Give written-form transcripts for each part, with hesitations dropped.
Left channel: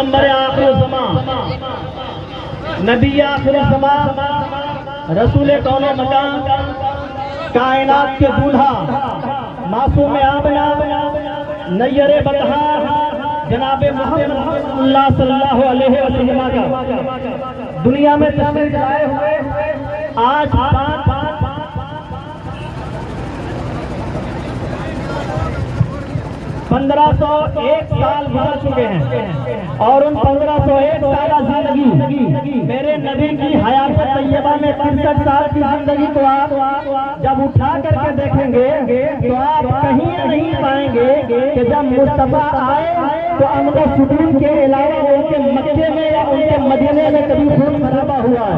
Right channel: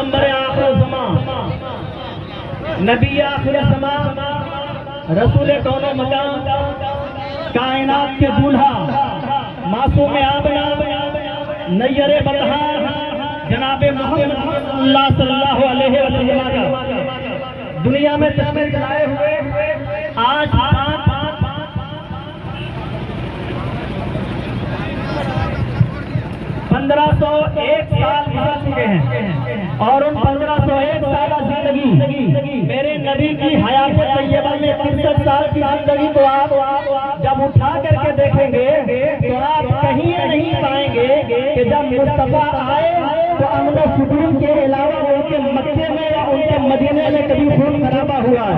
پیغمبر آخر زمان، نبی آخر زمان، رسول کون و مکان، کائنات کے دولہا، معصوم آمنہ، نیر بطحا، جناب محمد اللہ صلی اللہ علیہ وسلم کا دنیا میں تشریف لائے ہوئے آج 1501 سال گزر چکے ہیں، اور ان 1501 سالہ زندگی میرے نبی کی حیات طیبہ میں 63 سال کی زندگی کو آپ جب اٹھا کر کے دیکھیں گے تو آپ کہیں نہیں پائیں گے کہ جب مصطفیٰ آئے تو امن و سکون کے علاوہ ان کے مکے میں یا ان کے مدینے میں کبھی خون خرابہ ہوا ہے.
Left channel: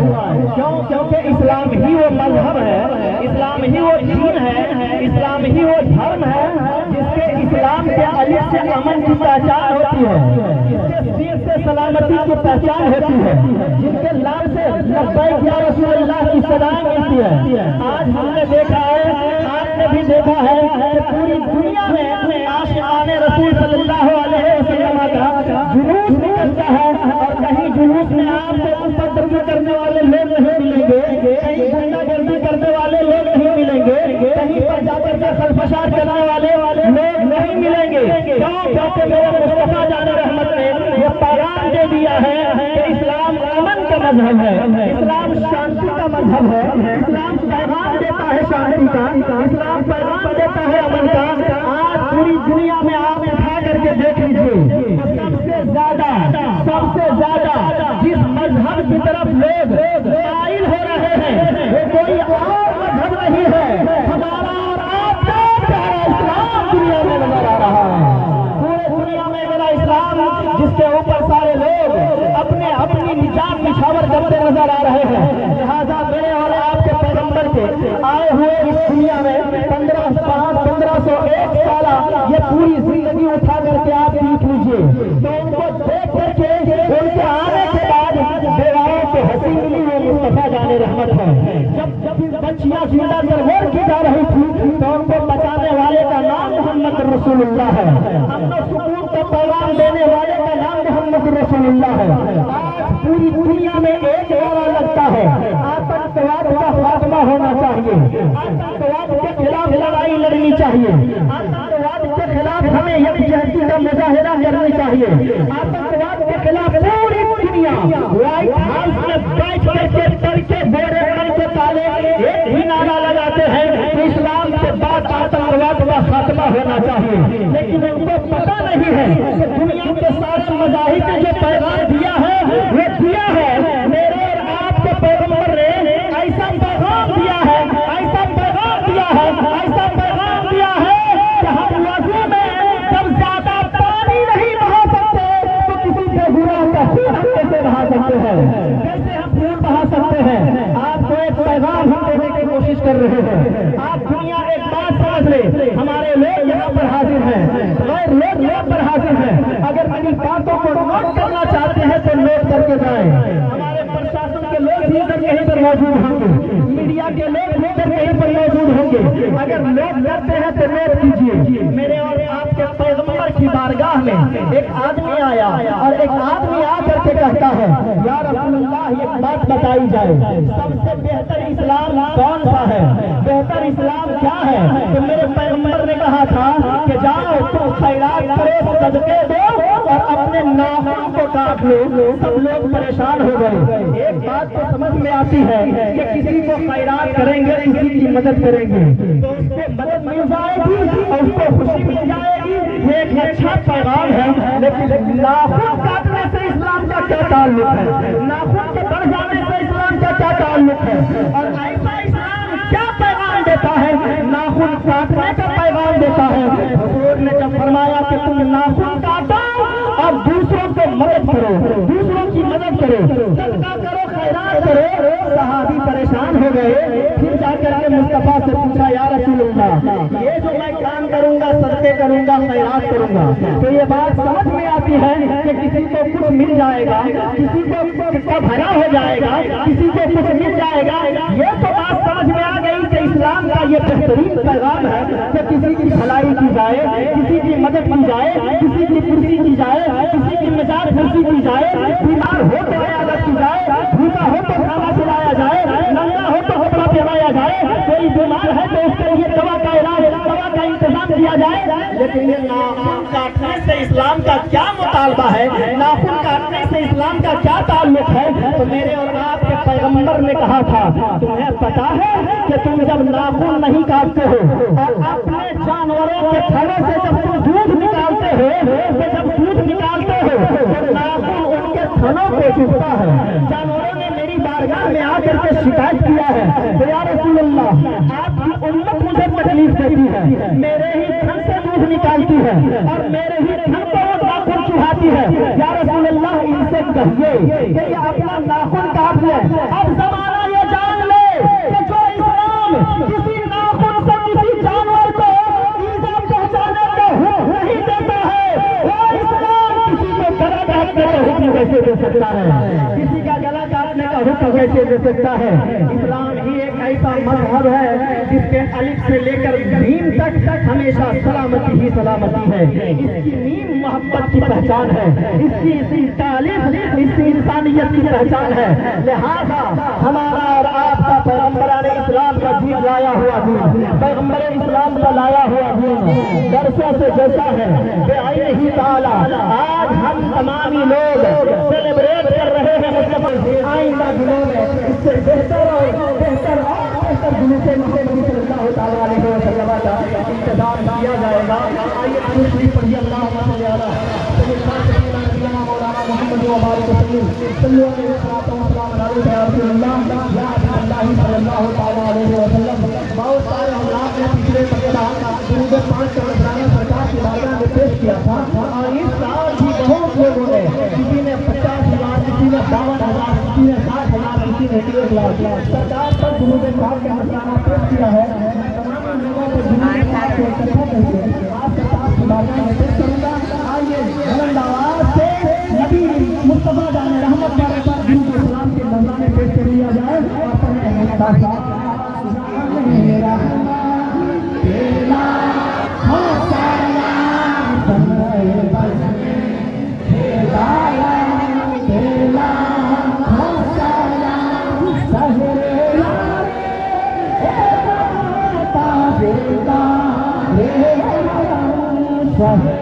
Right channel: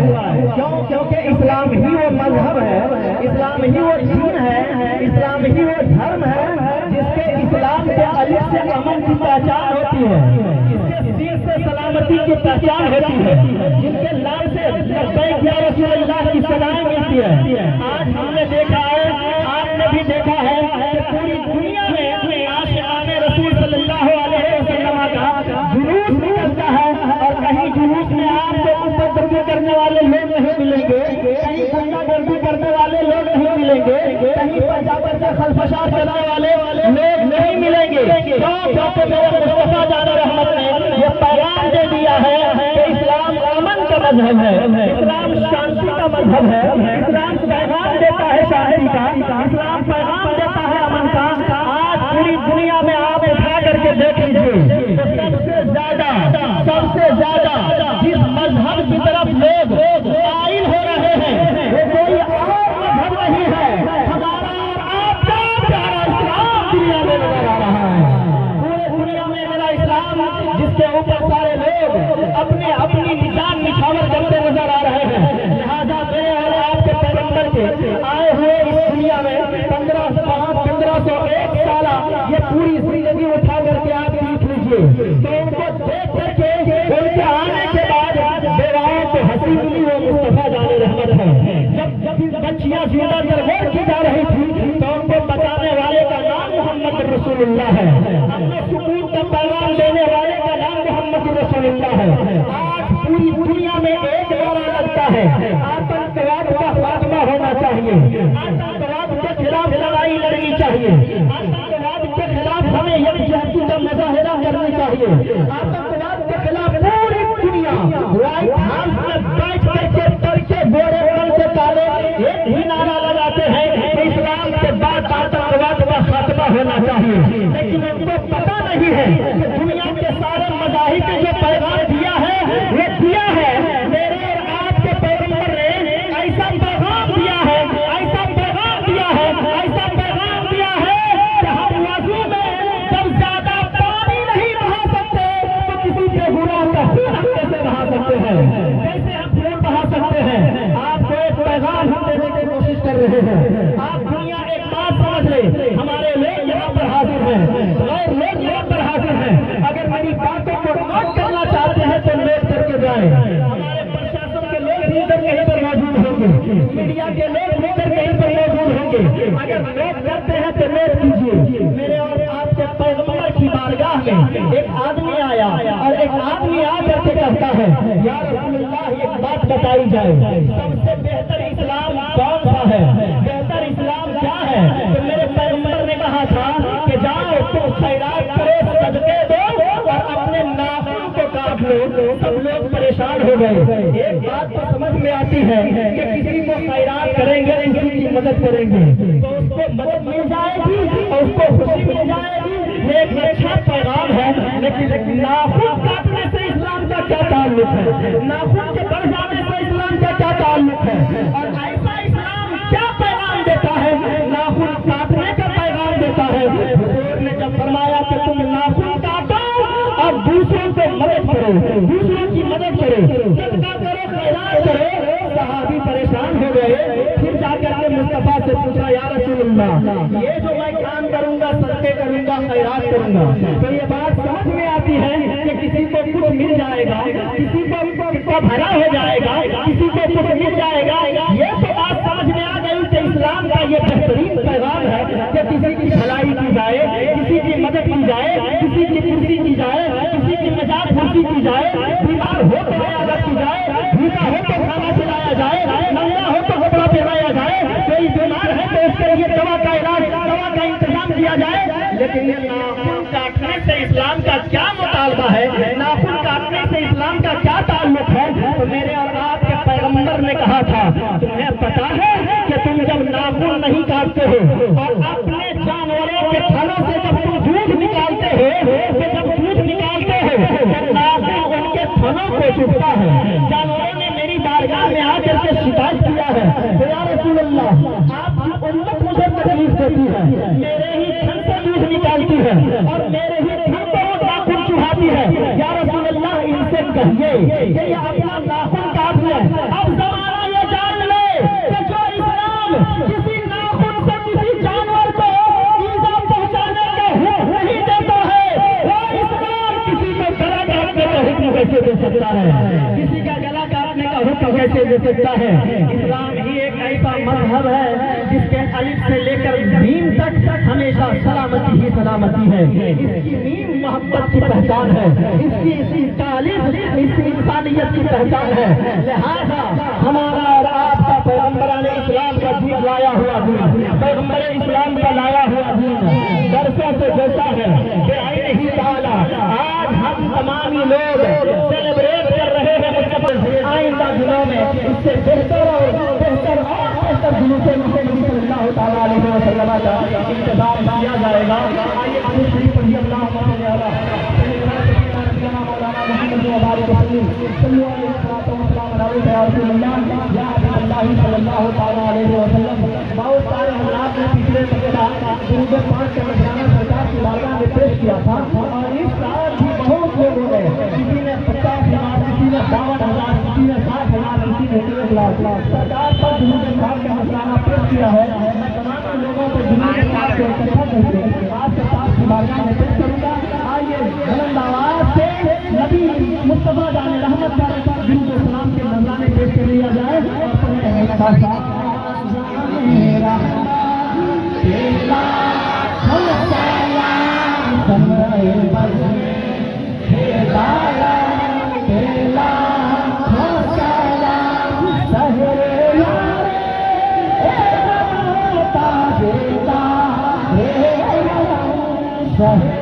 کیونکہ اسلام ہی وہ مذہب ہے، اسلام ہی وہ دین ہے، اسلام ہی وہ دھرم ہے جس کے اسلام کے الف سے امن کی پہچان ہوتی ہے، جس کے سیر سے سلامتی کی پہچان ہوتی ہے، جن کے لال سے لبیک یا رسول اللہ کی صدائیں ملتی ہے. آج ہم نے دیکھا ہے، آپ نے بھی دیکھا ہے کہ پوری دنیا میں عاشقان رسول صلی اللہ علیہ وسلم کا جلوس نکلتا ہے، اور کہیں جلوس میں آپ کو اوپر دبی کرنے والے لوگ نہیں ملیں گے، کہیں گنڈا گردی کرنے والے لوگ نہیں ملیں گے، کہیں پنجابر سے خلفشار کرنے والے لوگ نہیں ملیں گے. کیونکہ میرے مصطفیٰ جان رحمت نے یہ پیغام دے دیا ہے کہ اسلام امن کا مذہب ہے، اسلام شانتی کا مذہب ہے، اسلام پیغام دیتا ہے شانتی کا، اسلام پیغام دیتا ہے امن کا. آج پوری دنیا میں آپ اٹھا کر کے دیکھ لیجیے، سب سے زیادہ جس مذہب کی طرف لوگ قائل ہو رہے ہیں وہ کوئی اور مذہب نہیں ہے، ہمارا اور آپ کا پیارا اسلام دنیا میں نظر آ رہا ہے. پورے دنیا میں میرا اسلام جس کے اوپر سارے لوگ اپنی نجات نچھاور کرتے نظر آ رہے ہیں. لہٰذا میں اور آپ کے پیغمبر کے آئے ہوئے اس دنیا میں 1501 سالہ یہ پوری زندگی اٹھا کر کے آپ دیکھ لیجیے تو ان کو دیکھ کر کے ان کے آنے کے بعد بیوائیں پہ ہنسی ملی وہ مصطفیٰ جان رحمت ہے. جب بچیاں زندہ ترور کی جا رہی تھی تو ان کو بتانے والے کا نام محمد رسول اللہ ہے، امن و سکون کو پیغام دینے والے کا نام محمد رسول اللہ ہے. آج پوری دنیا میں ایک نعرہ لگتا ہے، آتنکواد کا خاتمہ ہونا چاہیے، آتنکواد کے خلاف لڑائی لڑنی چاہیے، آتنکواد کے خلاف ہمیں یکجہتی کا مظاہرہ کرنا چاہیے. آتنکواد کے خلاف پوری دنیا وائٹ ہاؤس میں بیٹھ کر کے بورے بن کے تالے ایک ہی نعرہ لگاتے ہیں کہ اسلام کے بعد آتنکواد کا خاتمہ ہونا چاہیے. لیکن ان کو پتہ نہیں ہے کہ دنیا کے سارے مذاہب نے جو پیغام دیا ہے وہ دیا ہے میرے اور آپ کے پیغمبر نے ایسا پیغام دیا ہے، ایسا پیغام دیا ہے، ایسا پیغام دیا ہے کہ ہم وضو میں جب زیادہ پانی نہیں بہا سکتے تو کسی کے گناہ کا خون ہم کیسے بہا سکتے ہیں، کیسے ہم خون بہا سکتے ہیں. آپ کو ایک پیغام ہم دینے کی کوشش کر رہے ہیں. آپ دنیا ایک بات سمجھ لیں، ہمارے لوگ یہاں پر حاضر ہیں، غیر لوگ یہاں پر حاضر ہیں. اگر میری باتوں کو نوٹ کرنا چاہتے ہیں تو نوٹ کر کے جائیں. ہمارے پرشاسن کے لوگ بھی کر کہیں پر موجود ہوں گے، میڈیا کے لوگ بھی کر کہیں پر موجود ہوں گے. اگر نوٹ کرتے ہیں تو نوٹ کیجیے. میرے اور آپ کے پیغمبر کی بارگاہ میں ایک آدمی آیا اور ایک آدمی آ کر کے کہتا ہے یا رسول اللہ ایک بات بتائی جائے، سب سے بہتر اسلام کون سا ہے، بہتر اسلام کیا ہے؟ تو میرے پیغمبر نے کہا تھا کہ جاؤ تو خیرات کرو، صدقے دو اور اپنے ناخن کو کاٹ لو. سب لوگ پریشان ہو گئے. ایک بات تو سمجھ میں آتی ہے کہ کسی کو خیرات کریں گے، کسی کی مدد کریں گے تو اس کو مدد مل جائے گی اور اس کو خوشی مل جائے گی. یہ ایک اچھا پیغام ہے، لیکن ناخن کاٹنے سے اسلام کا کیا تعلق ہے، ناخن کے بڑھ جانے سے اسلام کا کیا تعلق ہے؟ اور ایسا اسلام کیا پیغام دیتا ہے؟ ناخن کاٹنے کا پیغام دیتا ہے. حضور نے جب فرمایا کہ تم ناخن کاٹو اور دوسروں سے مدد کرو، دوسروں کی مدد کرو، صدقہ کرو، خیرات کرو، صحابی پریشان ہو گئے. پھر جا کر کے مصطفیٰ سے پوچھا یا رسول اللہ یہ جو میں کام کروں گا، صدقے کروں گا، خیرات کروں گا، تو یہ بات سمجھ میں آتی ہے کہ کسی کو کچھ مل جائے گا، کسی کو بھلا ہو جائے گا، کسی کو کچھ مل جائے گا. یہ تو بات سمجھ میں آ گئی کہ اسلام کا یہ بہترین پیغام ہے کہ کسی کی بھلائی کی جائے، کسی کی مدد کی جائے، کسی کی خوشی کی جائے، کسی کی نجات خوشی کی جائے, بیمار ہو تو عیادت کی جائے, بھوکا ہو تو کھانا کھلایا جائے, ننگا ہو تو کپڑا پہنایا جائے, کوئی بیمار ہے تو اس کے لیے دوا کا علاج, دوا کا انتظام کیا جائے. لیکن یہ ناخن کاٹنے سے اسلام کا کیا مطالبہ ہے, ناخن کاٹنے سے اسلام کا کیا تعلق ہے؟ تو میرے اور آپ کے پیغمبر نے کہا تھا, تمہیں پتا ہے کہ تم جب ناخن نہیں کاٹتے ہو اور اپنے جانوروں کے تھنوں سے جب تم دودھ نکالتے ہو, تو جب دودھ نکالتے ہو تو ناخن ان کے تھنوں کو چبھتا ہے. جانوروں نے میری بارگاہ میں آ کر کے شکایت کیا ہے, یا رسول اللہ آپ کی امت مجھے تکلیف دیتی ہے, میرے ہی تھن سے دودھ نکالتی ہے اور میرے ہی تھن کو ناخن چبھاتی ہے. یا رسول اللہ ان سے کہیے کہ یہ اپنا ناخن کاٹ لیں. اب زمانہ یہ جان لے کہ جو اسلام کسی ناخن سے کسی جانور کو ایذا پہنچانے کا حکم نہیں دیتا ہے, وہ اسلام کسی کو گلا کاٹنے کا حکم کیسے دے سکتا ہے؟ کسی کا گلا کاٹنے کا حکم کیسے دے سکتا ہے؟ اسلام ہی ایک ایسا مذہب ہے جس کے الف سے لے کر میم تک ہمیشہ سلامتی ہی سلامتی ہے. اس کی میم محبت کی پہچان ہے, اس کی تعلیم اس کی انسانیت کی پہچان ہے. لہذا ہمارا اور آپ کا پیغمبران اسلام کا دین لایا ہوا دین, پیغمبر اسلام کا لایا ہوا دین درسوں سے جیسا ہے کہ عین ہی تعالیٰ آج ہم تمامی لوگ سیلیبریٹ کر رہے ہیں. آئندہ دنوں میں اس سے بہتر جلوس محمد صلی اللہ تعالیٰ علیہ وسلم کا انتظام کیا جائے گا. آئیے دوسری پڑھیے اللہم صلی علی سیدنا مولانا محمد وبارک وسلم صلی اللہ علیہ وسلم. یا حبیب اللہ صلی اللہ تعالیٰ علیہ وسلم. بہت سارے حضرات نے پچھلے سپتہ درود پاک کا نذرانہ سرکار کی بارگاہ میں پیش کیا تھا, اور اس سال بھی بہت لوگوں نے, کسی نے 50,000, کسی نے 52,000, کسی نے 60,000, کسی نے 1 لاکھ سرکار پر درود پاک کا نذرانہ پیش کیا ہے. میں تمام لوگوں کو درود پاک سے اکٹھا کر کے آپ سرکار کی بارگاہ میں پیش کروں گا. آئیے بلند آواز سے نبی مصطفیٰ جان رحمت پر درود و سلام کے نذرانے پیش کر لیا جائے. اور پڑھتے ہیں میرا تیرا ہم سلام سمے بجے تیرا تیرا ہم سلام سہرے تابیتا رے سہرے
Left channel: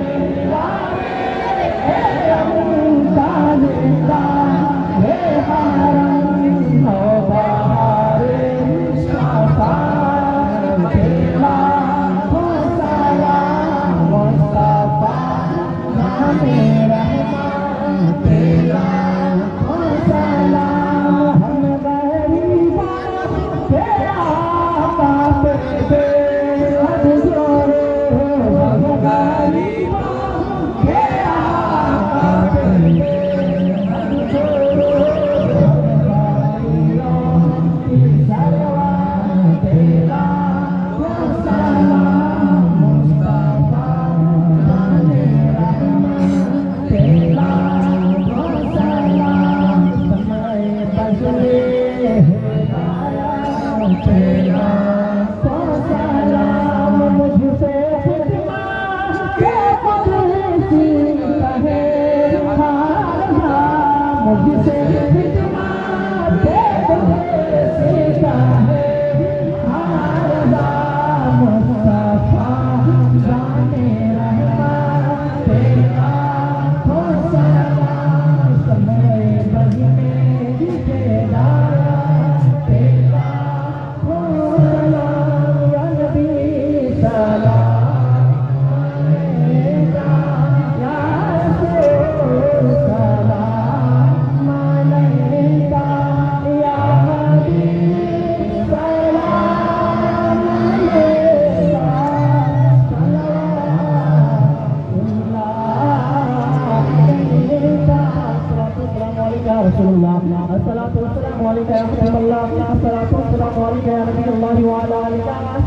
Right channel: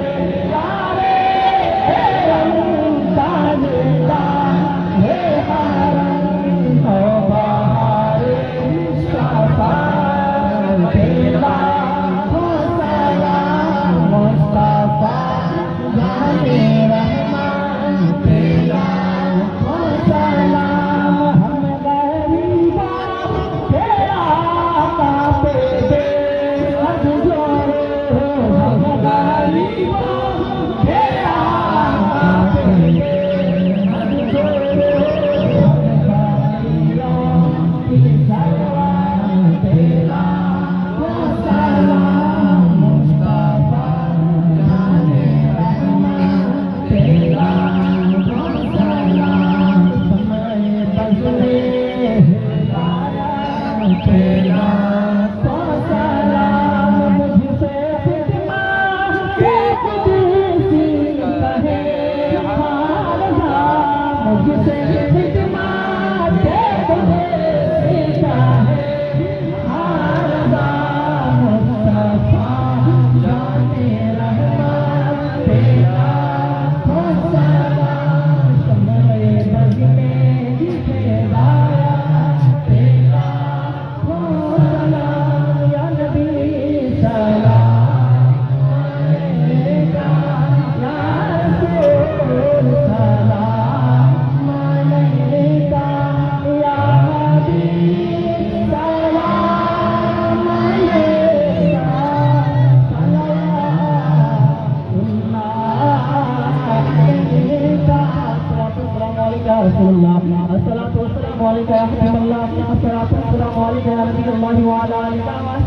وعلى آله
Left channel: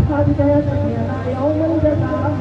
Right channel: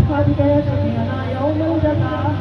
وصحبه يوم الجزاء